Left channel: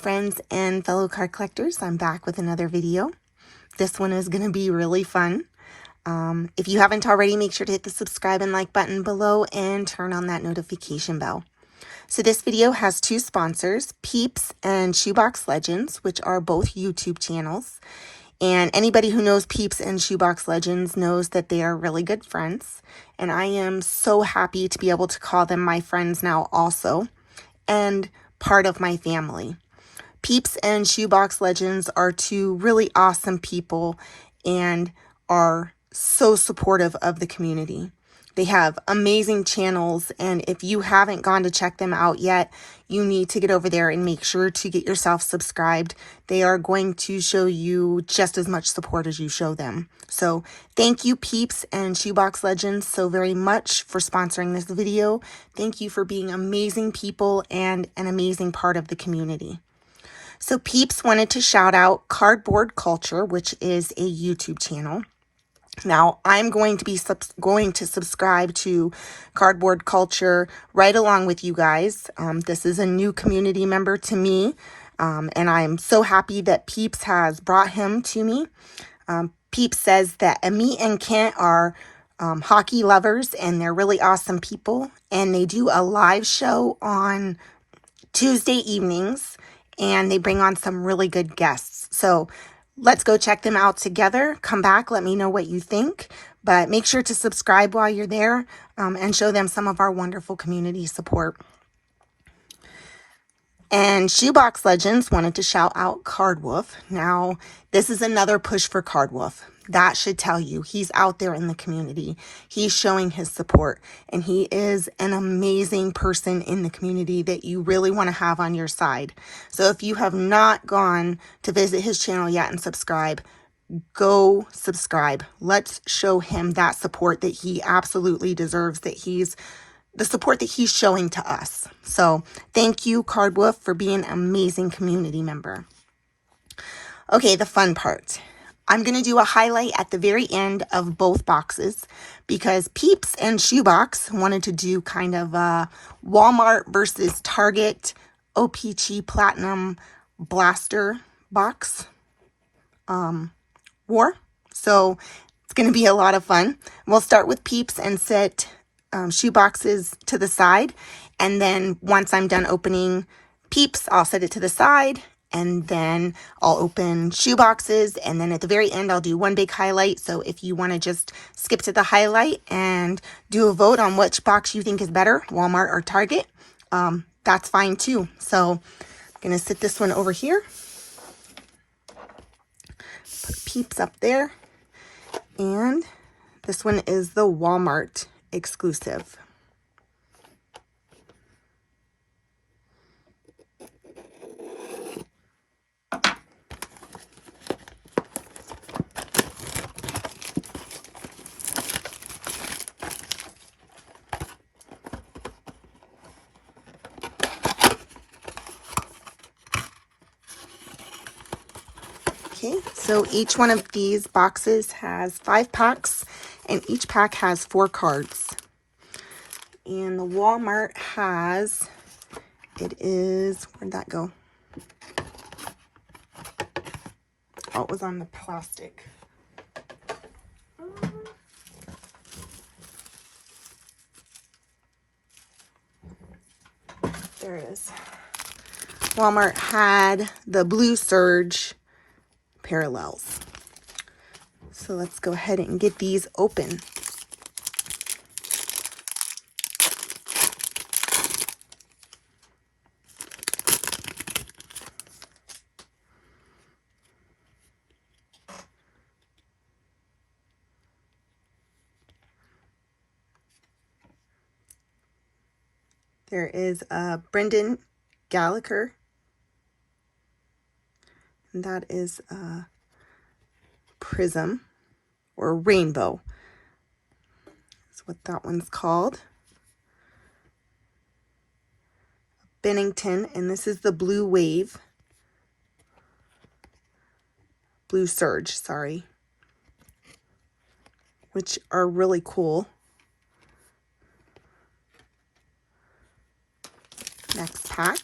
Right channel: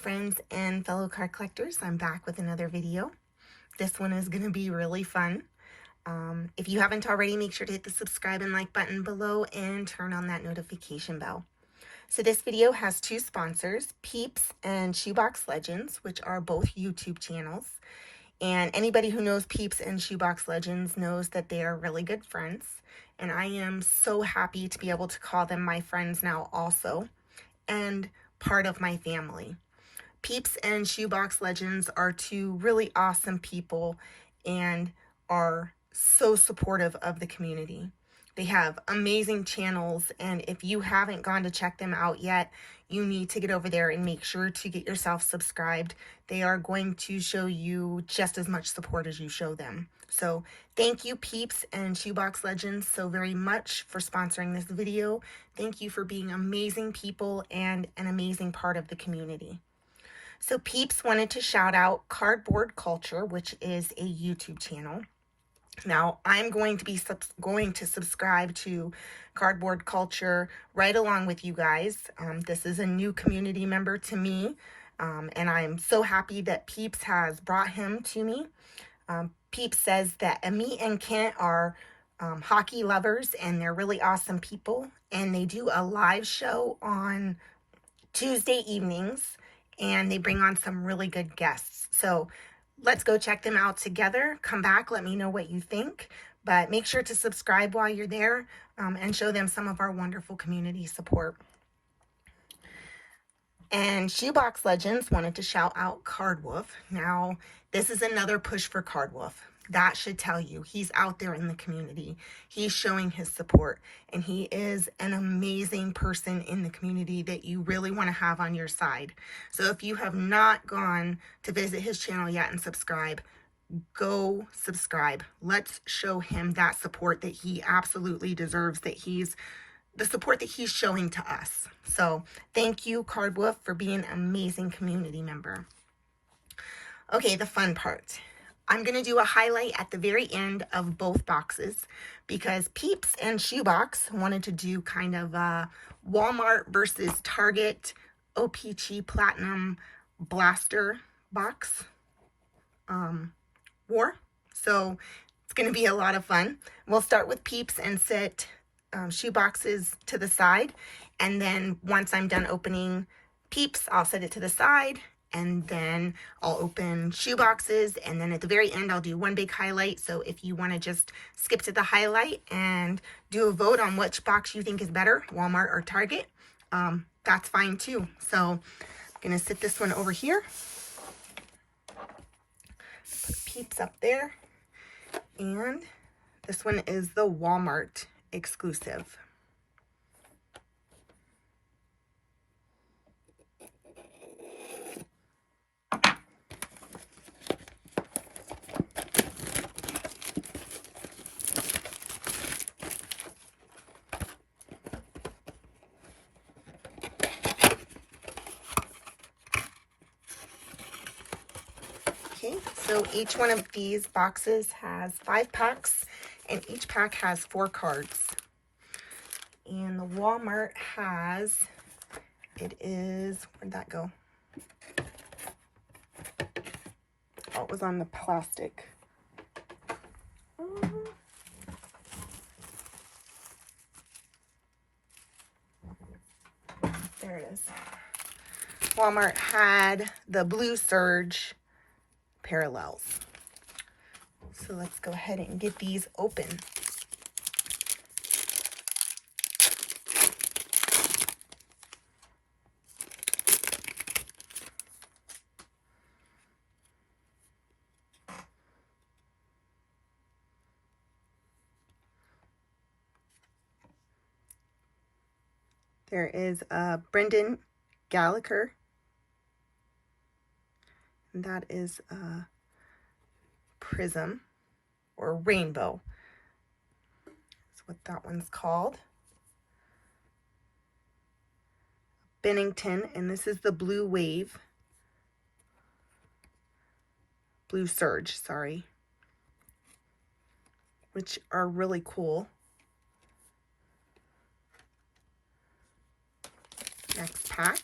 friends and fellow card collectors. I'm back with another video. This one is going to be really fun. If you haven't already, make sure to hit the subscribe and like button below and turn on that notification bell. So this video has two sponsors, Peeps and Shoebox Legends, which are both YouTube channels. And anybody who knows Peeps and Shoebox Legends knows that they are really good friends. And I am so happy to be able to call them my friends now also, and part of my family. Peeps and Shoebox Legends are two really awesome people and are so supportive of the community. They have amazing channels, and if you haven't gone to check them out yet, you need to get over there and make sure to get yourself subscribed. They are going to show you just as much support as you show them. So thank you, Peeps and Shoebox Legends, so very much for sponsoring this video. Thank you for being amazing people and an amazing part of the community. So Peeps wanted to shout out Cardboard Culture, which is a YouTube channel. Now, I'm going to be subscribe to Cardboard Culture right along with you guys. This is a new community member to me, and I'm so happy that Peeps has brought him to me. Peeps says that me and Kent are hockey lovers, and they're really awesome people, and they do a live show on Tuesday evenings, and they bring on some really good guests. So let's go check them out together. Come back, let me know what you think. But make sure to subscribe while you're there and show them some of our wonderful community support. And Shoebox Legends wanted to shout out Cardwolf. Now, this is another push for Cardwolf. That should tell you he's out there in the community. He's showing his support, and he is an amazing person in the community that you really want to have on your side. So if you have not gone to visit his channel yet and subscribe, go subscribe. Let's show him that support that he absolutely deserves, the support that he's showing to us. So thank you, Cardwolf, for being an amazing community member. Okay, the fun part. I'm going to do a highlight at the very end of both boxes because Peeps and Shoebox wanted to do kind of a Walmart versus Target OPC Platinum Blaster box war. So it's going to be a lot of fun. We'll start with Peeps and set Shoeboxes to the side. And then once I'm done opening Peeps, I'll set it to the side. And then I'll open Shoeboxes, and then at the very end, I'll do one big highlight. So if you want to just skip to the highlight and do a vote on which box you think is better, Walmart or Target, that's fine too. So I'm going to sit this one over here. Put Peeps up there. And this one is the Walmart exclusive. Okay, so each one of these boxes has 5 packs, and each pack has 4 cards. And the Walmart has, where'd that go? Oh, it was on the plastic. There it is. Walmart had the Blue Surge parallels. So let's go ahead and get these open. There is a Brendan Gallagher. And that is a Prism or Rainbow. That's what that one's called. Bennington, and this is the Blue Wave. Blue Surge, sorry. Which are really cool. Next pack.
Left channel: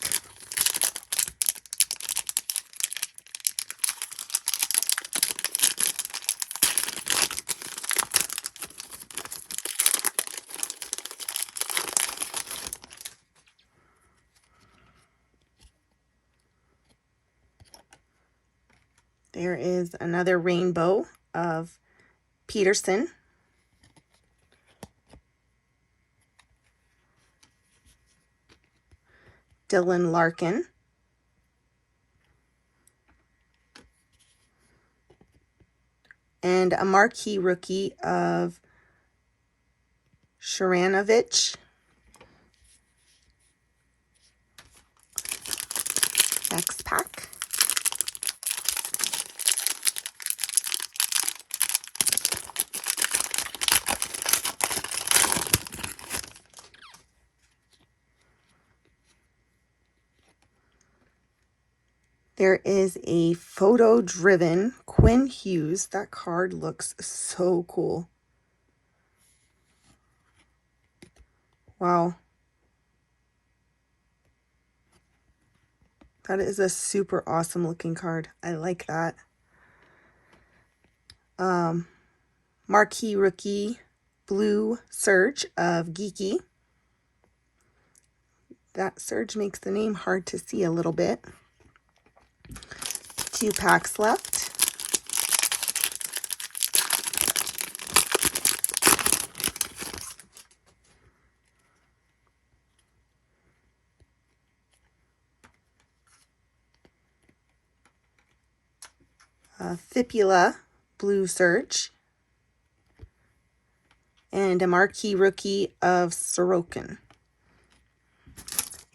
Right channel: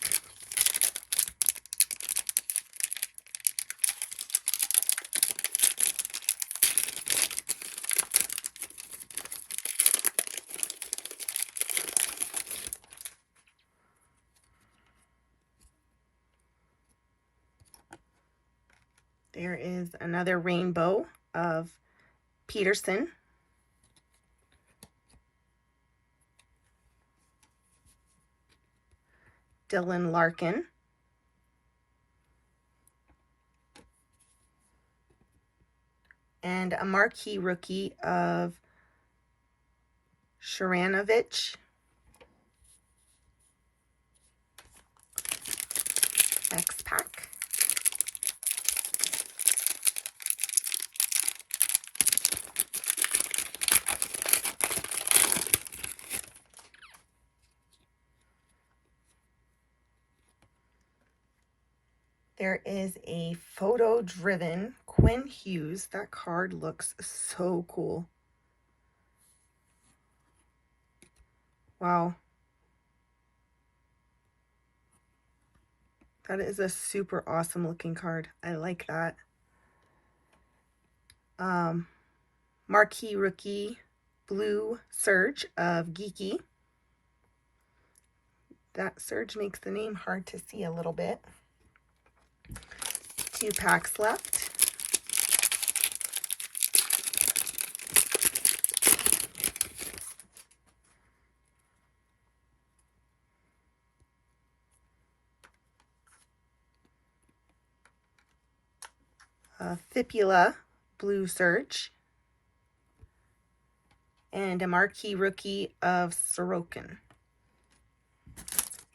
There is another rainbow of Peterson. Dylan Larkin. And a marquee rookie of Sharanovich. Next pack. There is a photo-driven Quinn Hughes. That card looks so cool. Wow. That is a super awesome looking card. I like that. Marquee rookie blue Surge of Geeky. That Surge makes the name hard to see a little bit. 2 packs left. Fibula blue Surge. And a marquee rookie of Sorokin.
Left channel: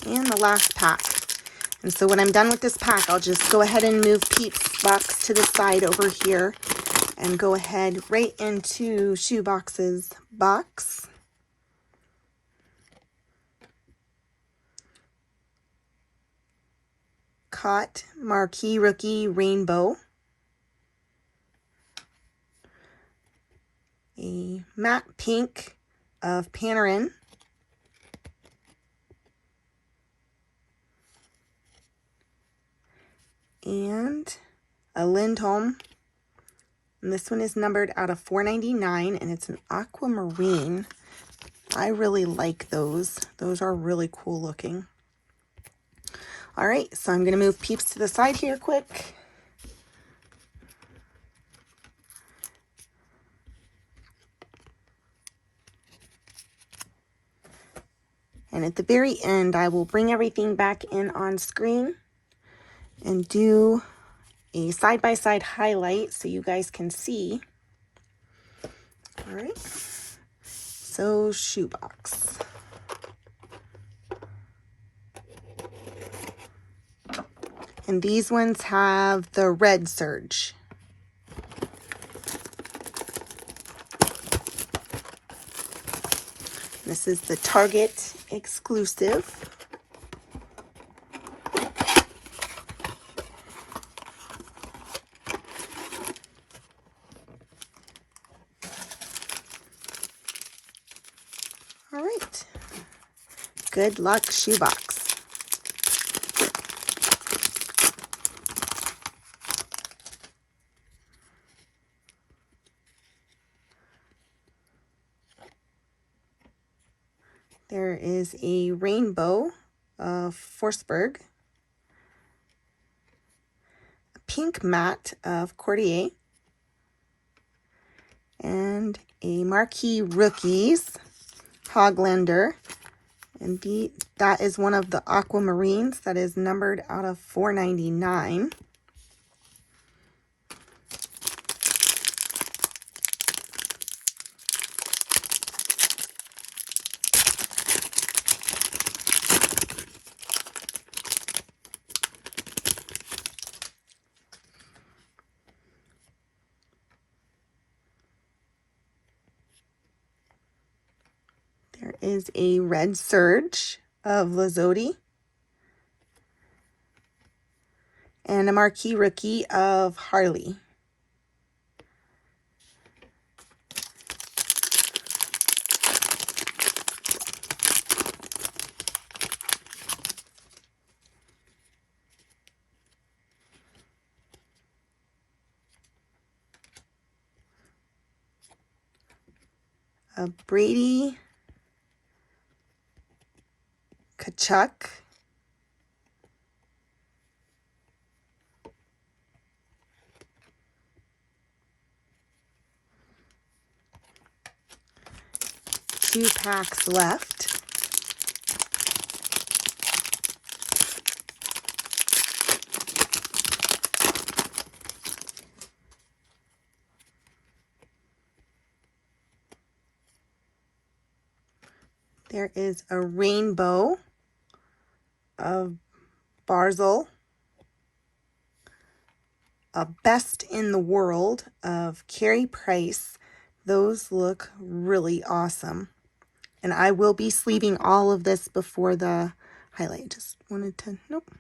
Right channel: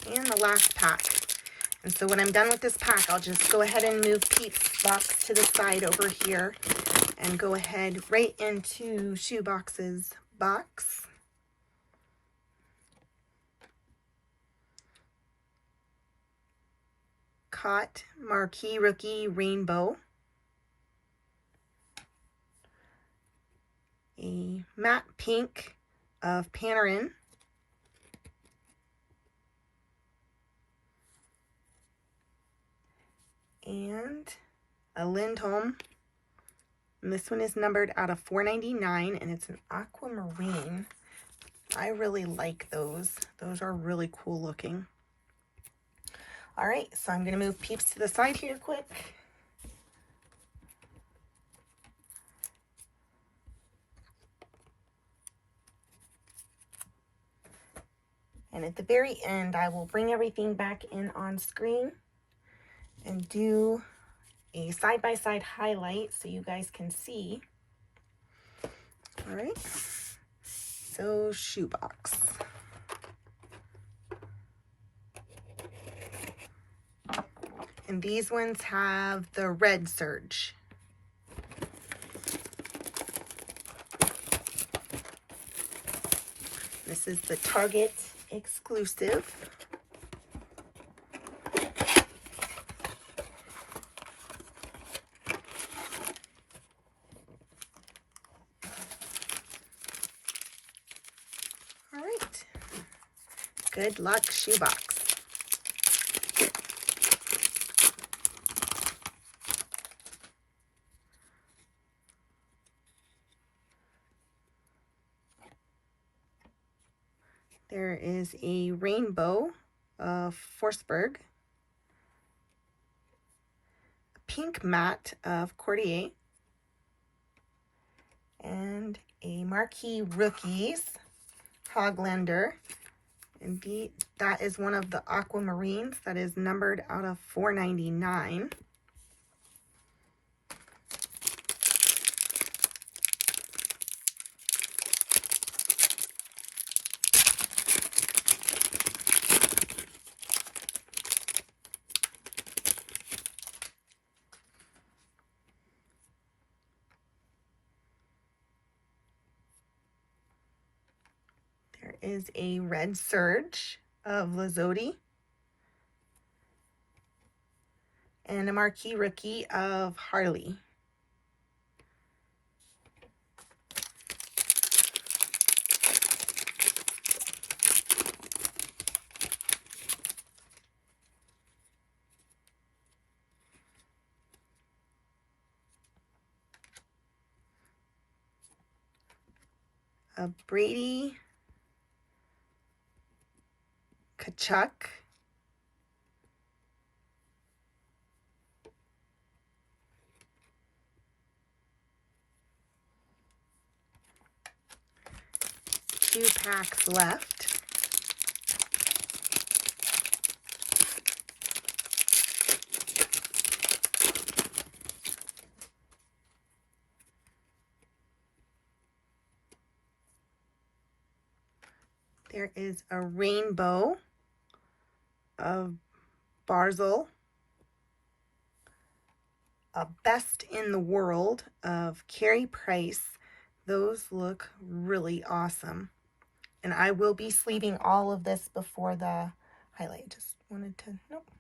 And the last pack. And so when I'm done with this pack, I'll just go ahead and move Peeps box to the side over here and go ahead right into Shoebox's box. Caught marquee rookie rainbow. A matte pink of Panarin. And a Lindholm. And this one is numbered out of 499 and it's an aquamarine. I really like those. Those are really cool looking. All right, so I'm going to move Peeps to the side here quick. And at the very end, I will bring everything back in on screen and do a side-by-side highlight so you guys can see. All right, so shoebox. And these ones have the red Surge. This is the Target exclusive. All right. Good luck, shoebox. There is a rainbow of Forsberg, a pink matte of Courtier, and a marquee rookies Hoglander. And that is one of the aquamarines that is numbered out of 499. There is a red Surge of Lazzotti and a marquee rookie of Harley. A Brady Kachuk. 2 packs left. There is a rainbow of Barzil, a best in the world of Carey Price. Those look really awesome. And I will be sleeving all of this before the highlight. Just wanted to, nope.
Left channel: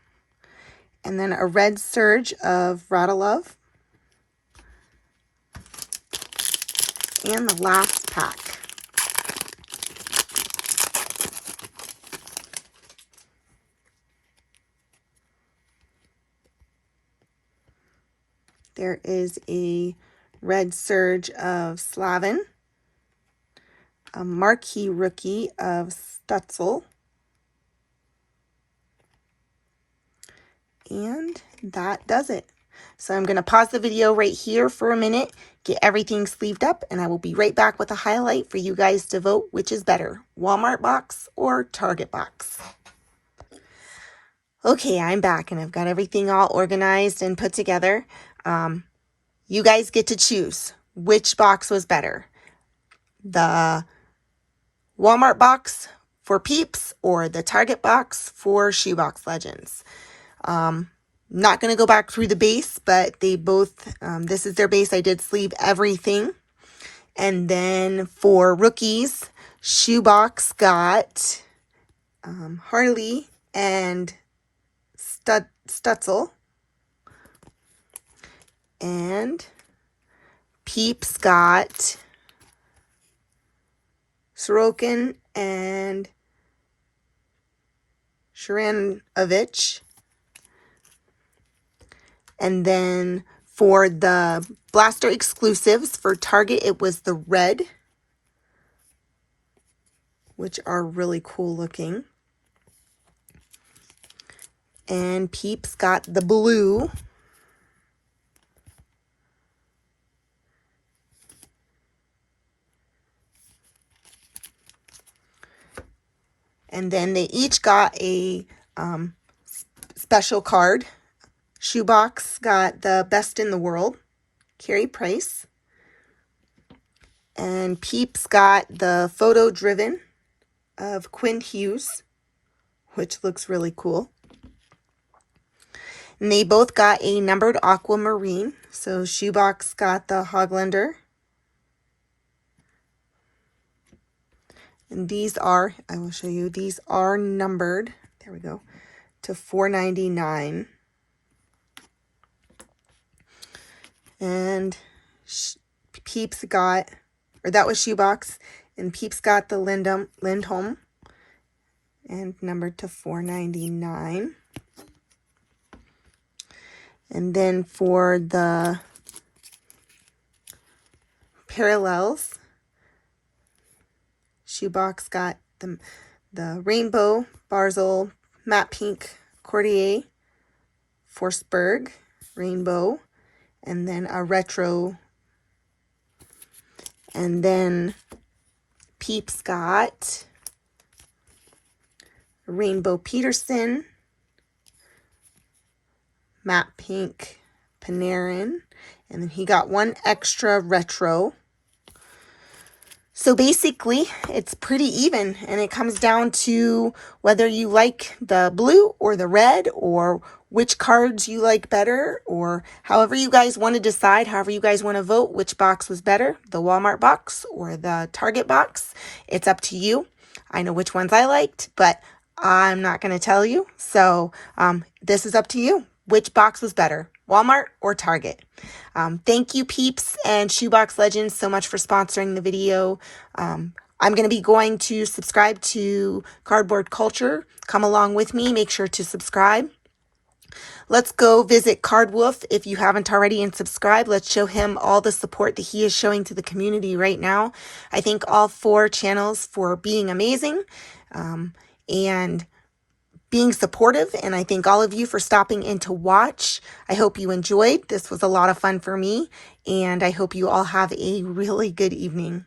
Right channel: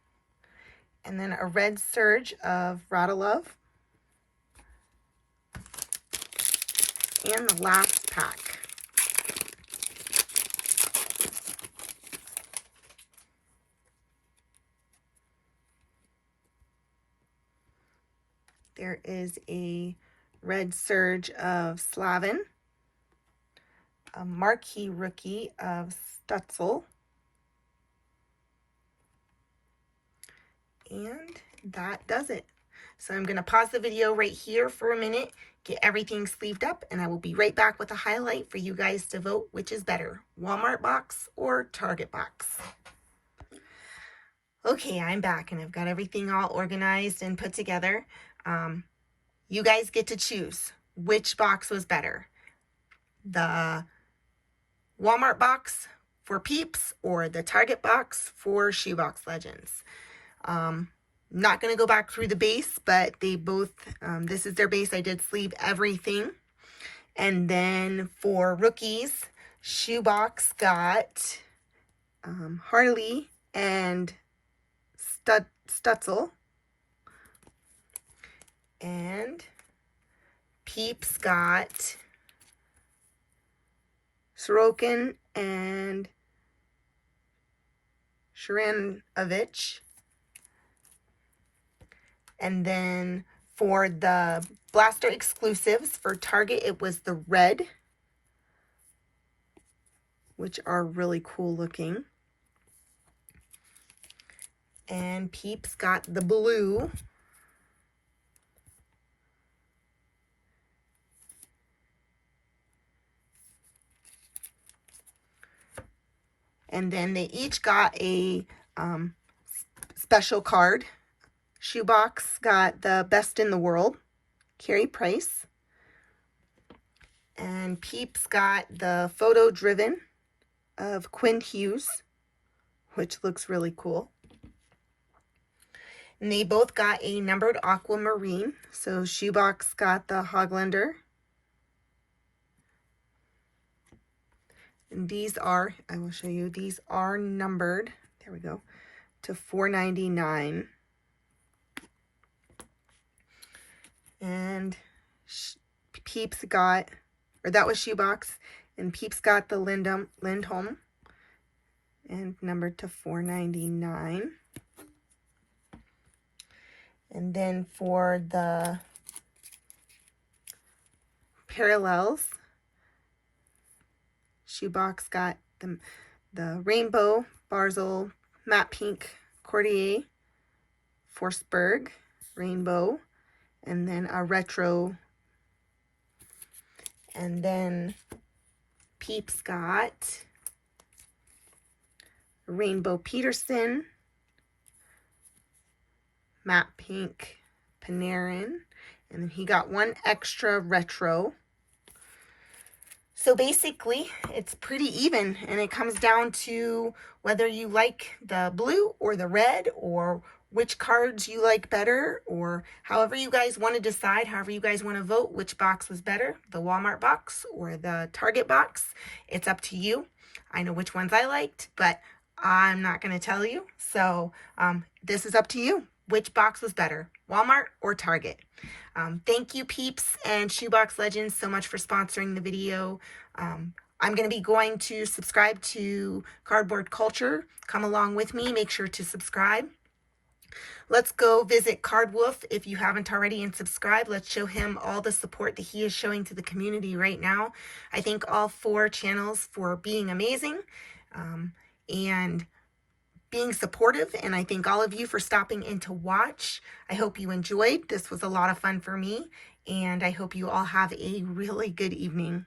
And then a red surge of Radilove. And the last pack. There is a red surge of Slavin, a marquee rookie of Stutzel, and that does it. So I'm going to pause the video right here for a minute, get everything sleeved up, and I will be right back with a highlight for you guys to vote which is better, Walmart box or Target box. Okay, I'm back and I've got everything all organized and put together. You guys get to choose which box was better, the Walmart box for Peeps or the Target box for Shoebox Legends. Not going to go back through the base, but they both, this is their base. I did sleeve everything. And then for rookies, Shoebox got Harley and Stutzel. And Peeps got Sorokin and Sharanovich. And then for the Blaster exclusives for Target, it was the red, which are really cool looking. And Peeps got the blue. And then they each got a special card. Shoebox got the best in the world, Carey Price. And Peeps got the photo driven of Quinn Hughes, which looks really cool. And they both got a numbered aquamarine. So Shoebox got the Hoglander. And these are, I will show you, these are numbered, there we go, to $4.99. And Peeps got, or that was Shoebox, and Peeps got the Lindholm, and numbered to $4.99. And then for the parallels, Shoebox got the Rainbow, Barzil, Matte Pink, Cordier, Forsberg, Rainbow, and then a retro. And then Peeps got Rainbow Peterson, Matte Pink Panarin, and then he got one extra retro. So basically, it's pretty even, and it comes down to whether you like the blue or the red, or which cards you like better, or however you guys want to decide, however you guys want to vote, which box was better, the Walmart box or the Target box. It's up to you. I know which ones I liked, but I'm not going to tell you. So this is up to you. Which box was better, Walmart or Target? Thank you, Peeps and Shoebox Legends, so much for sponsoring the video. I'm going to be going to subscribe to Cardboard Culture. Come along with me. Make sure to subscribe. Let's go visit Cardwolf if you haven't already, and subscribe. Let's show him all the support that he is showing to the community right now. I thank all 4 channels for being amazing and being supportive, and I thank all of you for stopping in to watch. I hope you enjoyed. This was a lot of fun for me, and I hope you all have a really good evening.